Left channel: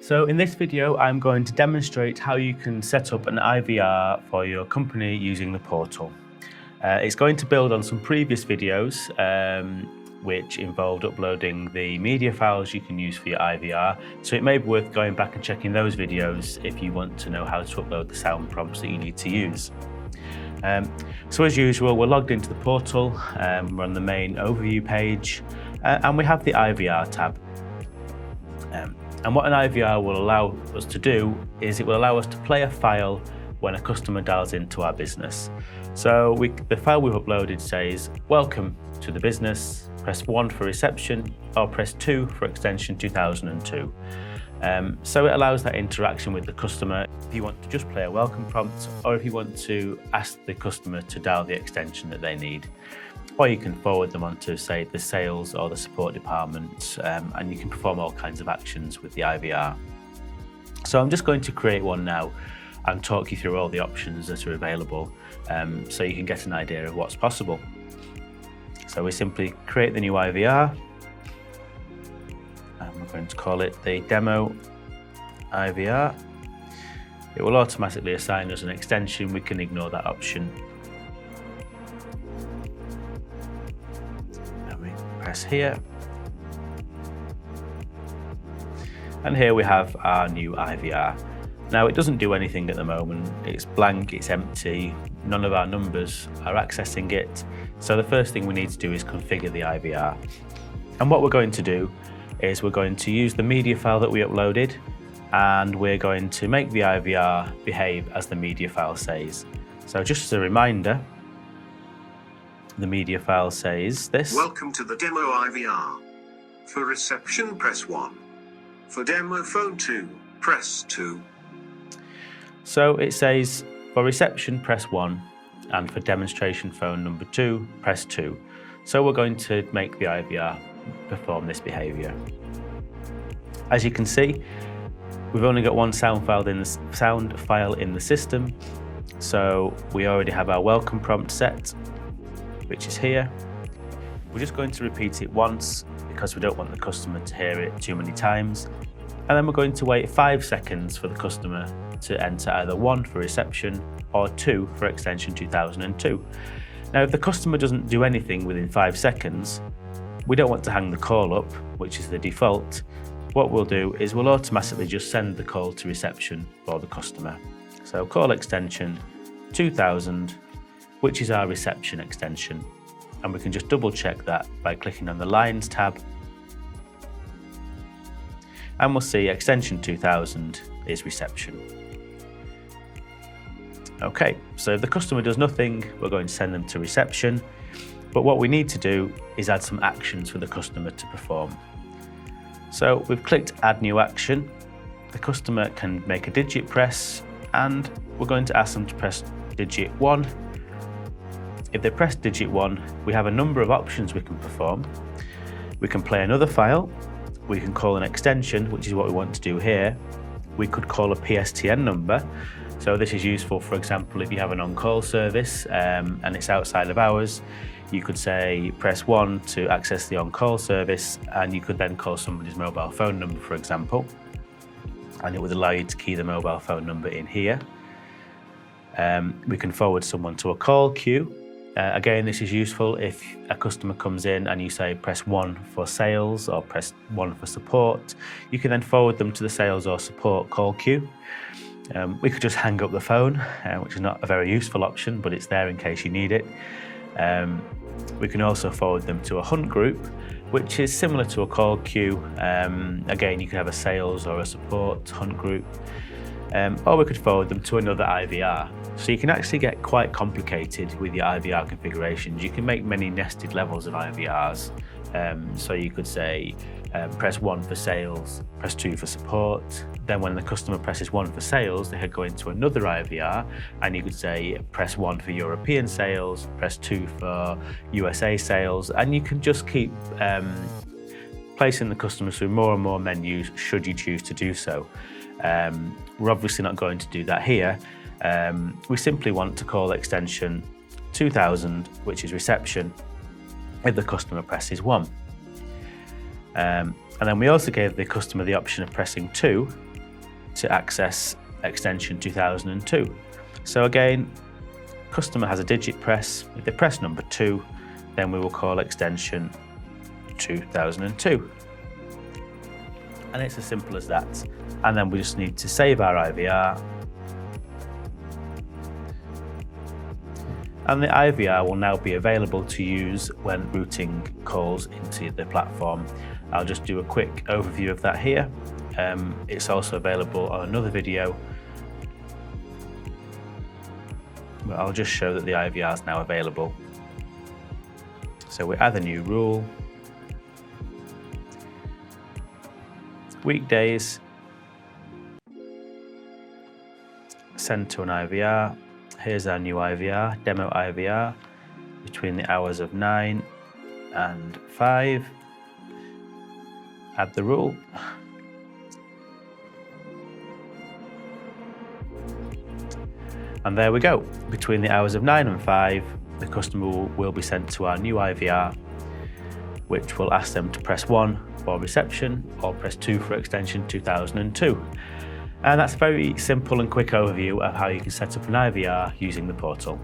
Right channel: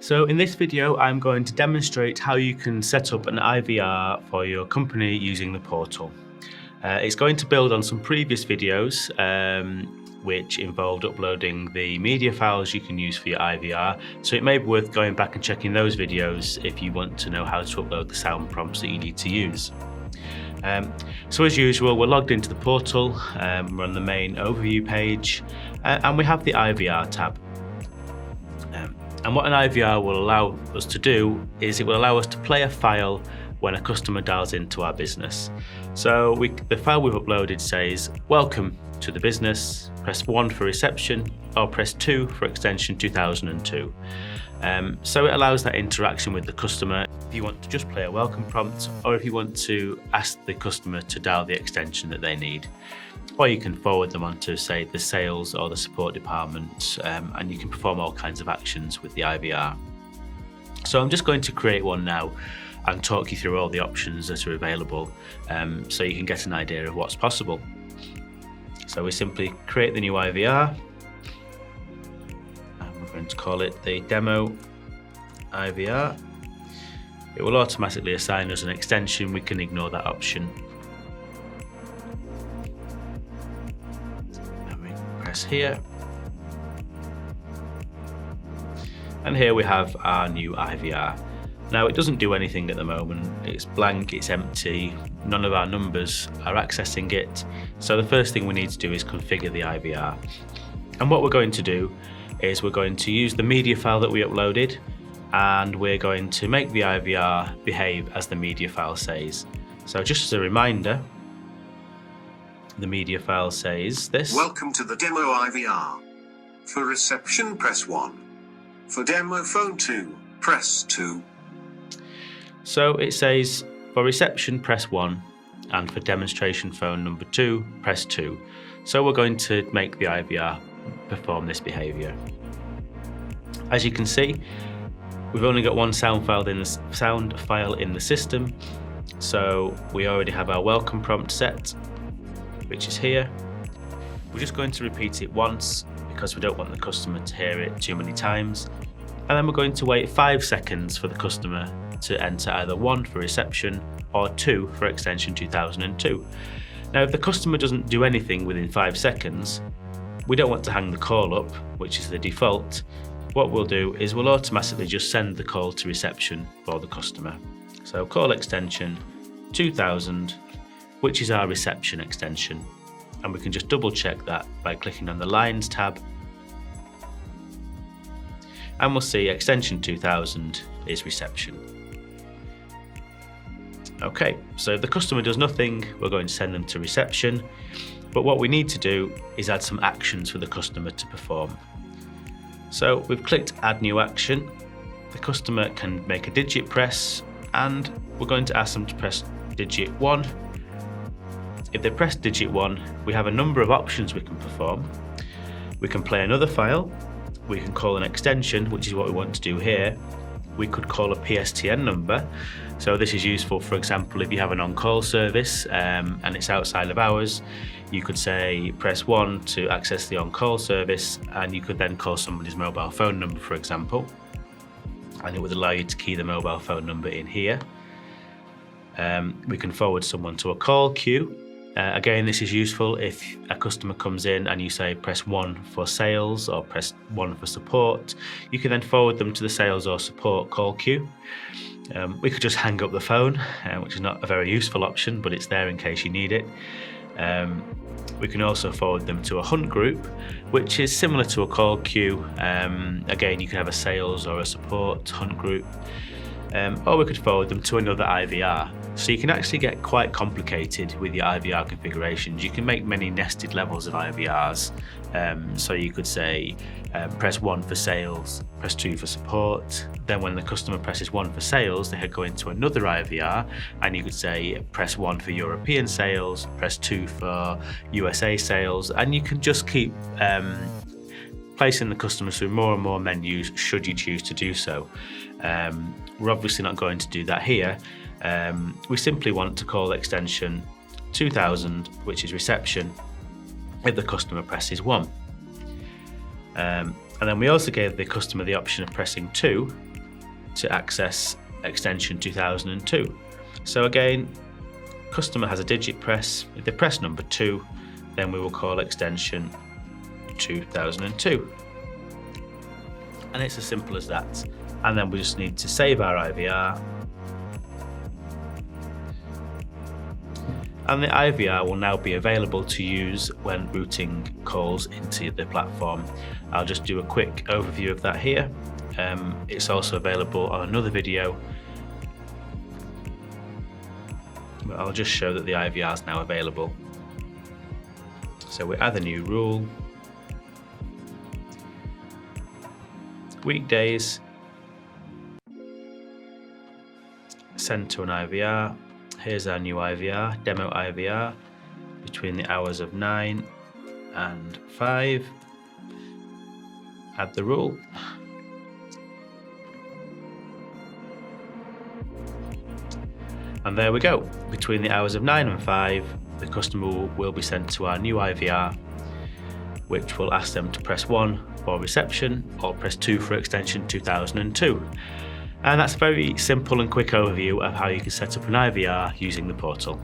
So in this video, I'm going to demonstrate how you can set up an IVR for your company using the portal. It's going to build on some previous videos which involved uploading the media files you can use for your IVR, so it may be worth going back and checking those videos if you want to know how to upload the sound prompts that you need to use. So as usual, we're logged into the portal, we're on the main overview page, and we have the IVR tab. And what an IVR will allow us to do is it will allow us to play a file when a customer dials into our business. So the file we've uploaded says, "Welcome to the business, press 1 for reception or press 2 for extension 2002. So it allows that interaction with the customer if you want to just play a welcome prompt or if you want to ask the customer to dial the extension that they need. Or you can forward them on to, say, the sales or the support department, and you can perform all kinds of actions with the IVR. So I'm just going to create one now and talk you through all the options that are available, so you can get an idea of what's possible. So we simply create the new IVR, and we're going to call it the demo IVR. It will automatically assign us an extension. We can ignore that option. Press here, and here we have our new IVR. Now it doesn't do anything at the moment, it's blank, it's empty, none of our numbers are accessing it, so the first thing we need to do is configure the IVR. And what we're going to do is we're going to use the media file that we uploaded, and we're going to make the IVR behave as the media file says. So just as a reminder, the media file says this: "Welcome to the demo IVR. For reception, press 1. For demo phone 2, press 2. So it says, for reception, press 1, and for demonstration phone number 2, press 2. So we're going to make the IVR perform this behaviour. As you can see, we've only got one sound file in the system, so we already have our welcome prompt set, which is here. We're just going to repeat it once because we don't want the customer to hear it too many times. And then we're going to wait 5 seconds for the customer to enter either 1 for reception or 2 for extension 2002. Now, if the customer doesn't do anything within 5 seconds, we don't want to hang the call up, which is the default. What we'll do is we'll automatically just send the call to reception for the customer. So call extension 2000, which is our reception extension. And we can just double check that by clicking on the Lines tab. And we'll see extension 2000 is reception. Okay, so if the customer does nothing, we're going to send them to reception. But what we need to do is add some actions for the customer to perform. So we've clicked Add New Action. The customer can make a digit press, and we're going to ask them to press digit 1. If they press digit 1, we have a number of options we can perform. We can play another file. We can call an extension, which is what we want to do here. We could call a PSTN number. So this is useful, for example, if you have an on-call service and it's outside of hours, you could say press 1 to access the on-call service, and you could then call somebody's mobile phone number, for example, and it would allow you to key the mobile phone number in here. We can forward someone to a call queue. Again, this is useful if a customer comes in and you say press 1 for sales or press 1 for support. You can then forward them to the sales or support call queue. We could just hang up the phone, which is not a very useful option, but it's there in case you need it. We can also forward them to a hunt group, which is similar to a call queue. Again, you can have a sales or a support hunt group. Or we could forward them to another IVR. So you can actually get quite complicated with your IVR configurations. You can make many nested levels of IVRs. So you could say press 1 for sales, press 2 for support. Then when the customer presses 1 for sales, they go into another IVR, and you could say press 1 for European sales, press 2 for USA sales, and you can just keep placing the customer through more and more menus should you choose to do so. We're obviously not going to do that here. We simply want to call extension 2000, which is reception, if the customer presses 1. And then we also gave the customer the option of pressing 2 to access extension 2002. So again, customer has a digit press. If they press number 2, then we will call extension 2002. And it's as simple as that. And then we just need to save our IVR. And the IVR will now be available to use when routing calls into the platform. I'll just do a quick overview of that here. It's also available on another video. But I'll just show that the IVR is now available. So we add a new rule. Weekdays, send to an IVR. Here's our new IVR, demo IVR, between the hours of 9 and 5. Add the rule. And there we go. Between the hours of 9 and 5, the customer will be sent to our new IVR, which will ask them to press 1 for reception or press 2 for extension 2002. And that's a very simple and quick overview of how you can set up an IVR using the portal.